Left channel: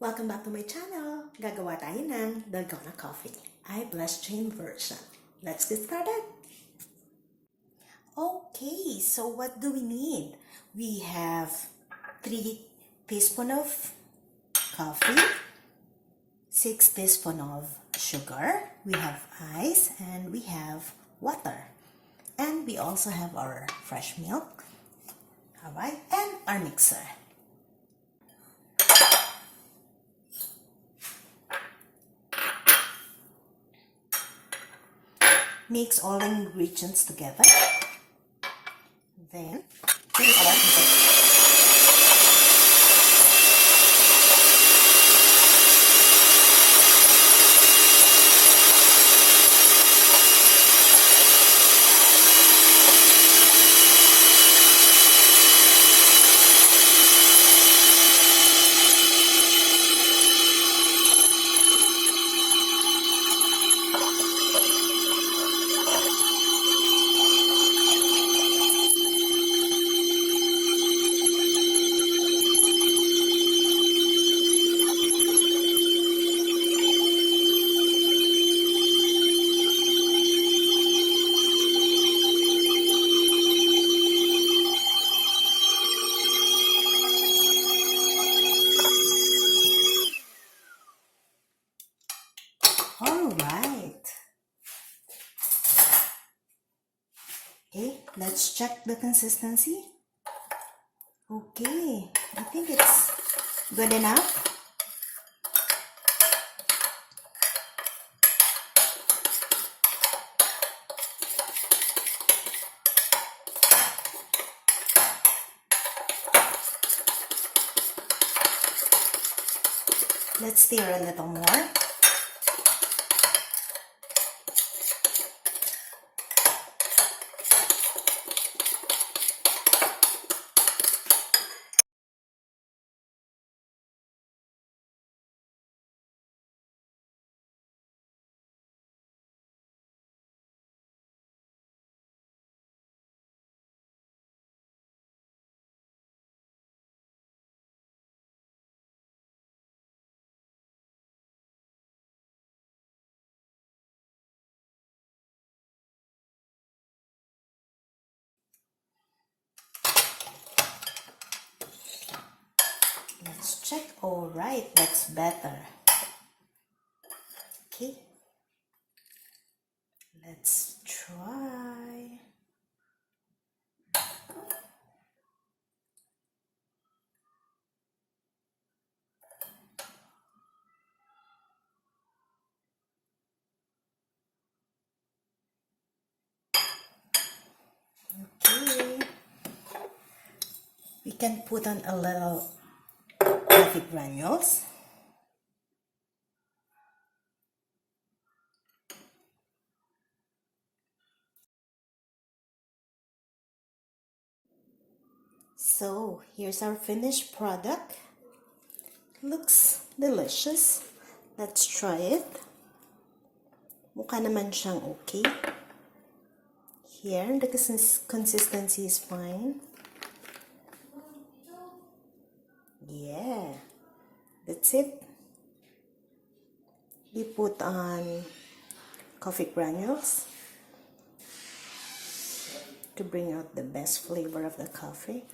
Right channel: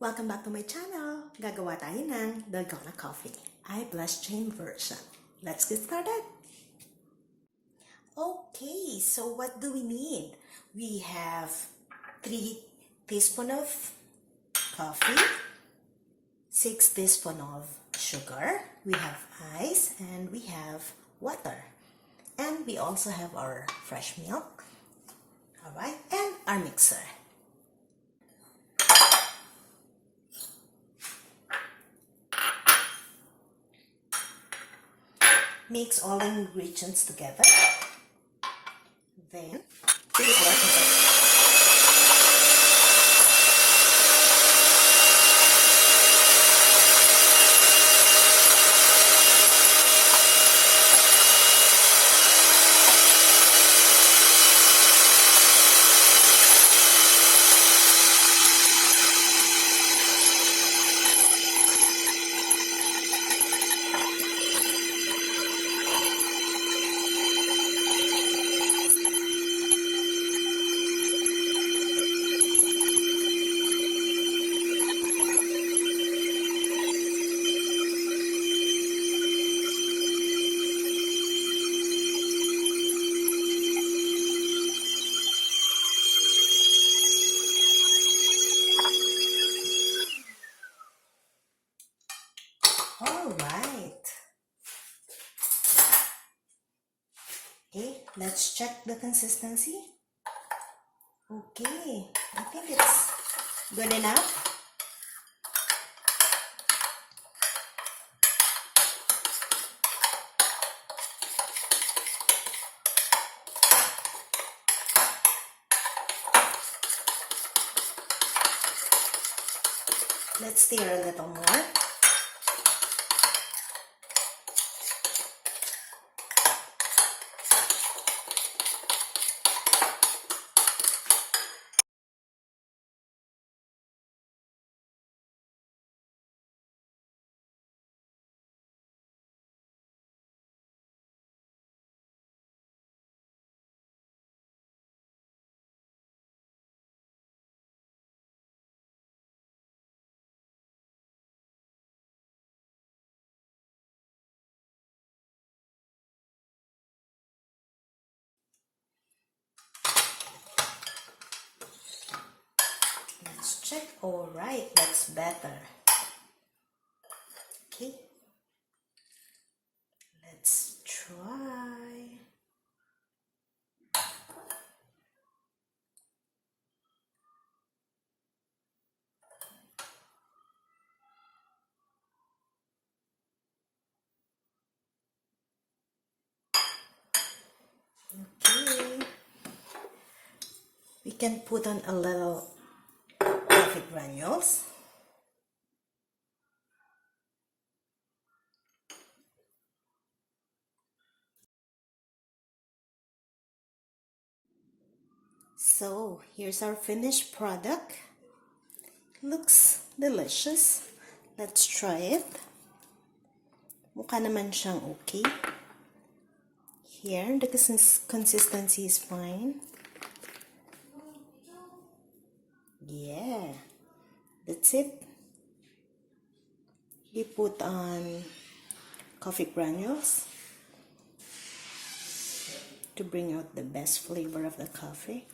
Welcome back to my channel. Gagawa tayo ng Dalgona Coffee. I blessed chain version. Let's get started. Okay, so what do we need? We have 3 teaspoons of coffee, 6 teaspoons of sugar, we have ice, and we have water. And we also have our fresh milk. Alright, and our mixer. Mix all ingredients together. Then, put it all together. Alright. Okay, let's check the consistency. Okay, I think it's good enough. Let's stir a little more. Let's check. All right, that's better. Okay, let's try. Okay, we can put on a little coffee granules. So, here's our finished product. Looks delicious. Let's try it. Mukha naman siyang okay. Here, the consistency is fine. Yeah, that's it. You put on coffee granules to bring out the best flavor of the coffee.